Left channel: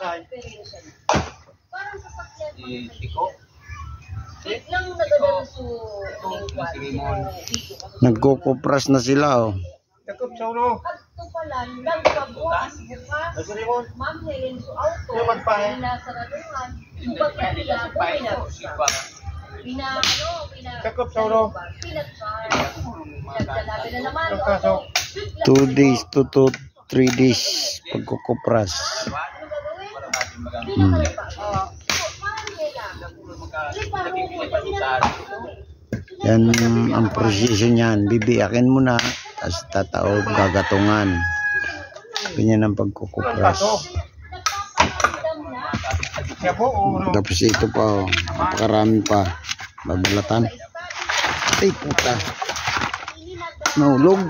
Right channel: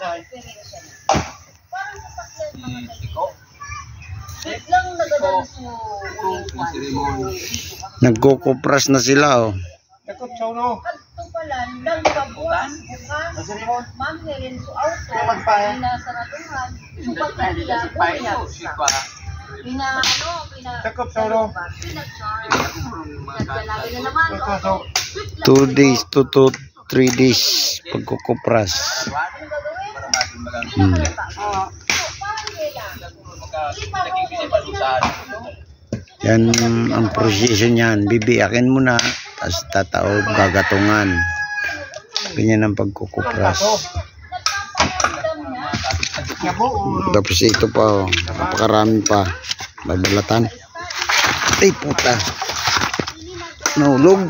diferensya na. Parang sasakyan mga kaibigan. Biglang nagadaan so Nagkukupras na sila oh. Kadto pala, nagpabuwas, bukas, Ma'am Helen, so auto, pinasaraduhan, so bakit nila, pinagsa. Pinag-charge. Nagkalabi na naman, auto. 2 days to 3 days pagkukupras. Ano gagawin? Yan ang proseso niyan. Bibiyakin mo na, tapos tataob, gagatungan. Ganyan ang pagkukupras. Tapos ito pa, napakarami pa. Babalatan. Ay puta. Nahulog.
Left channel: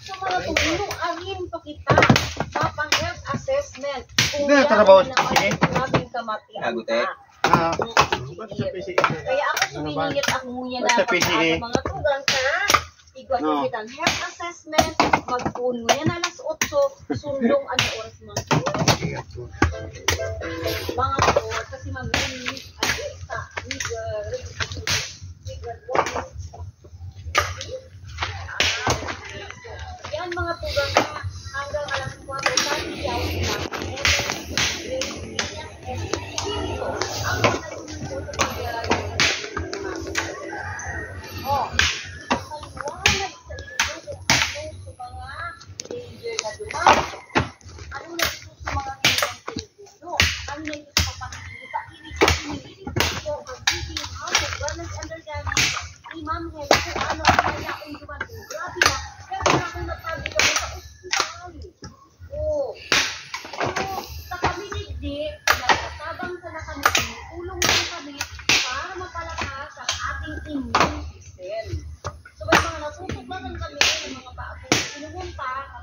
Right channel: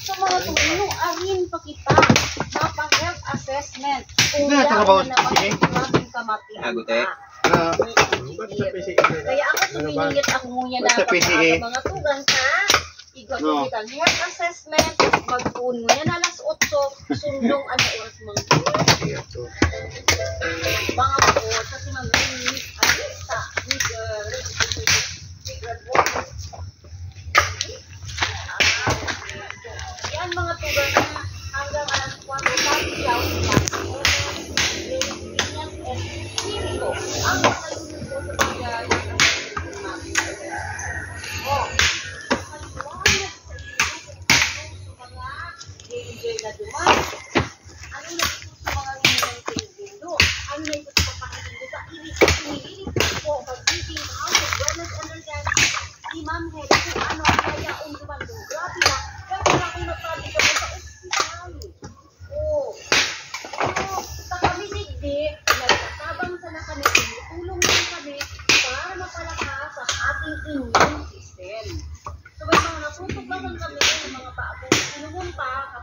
So mga tulong, ahin pa kita mapang-health assessment kung yan naman kamating kaya ako sumingit ako muna na mga tugang sa igwa kita health assessment magpuno yan alas 8 sundong ano oras mga po kasi mag-limit alista yan mga tugang na hanggang alas 4 dati yaw sila ang manalunan po sa pagkakas paliwanag sa iyo sa mga danger na dumaan ano na ito sa mga hinang tinigindo ano na ito sa papakikindo sa inilit po pag-ibig out of wellness understanding ni Ma'am Helen kung ano ang kaya dumando grabe na pero na kung nasabi ka mo sa ospital sa kami digdi nagtatabang sana kami tulong din kami para mapalakas ang ating immune system so may mga natutuklasan kami ng mga paabong inumun pa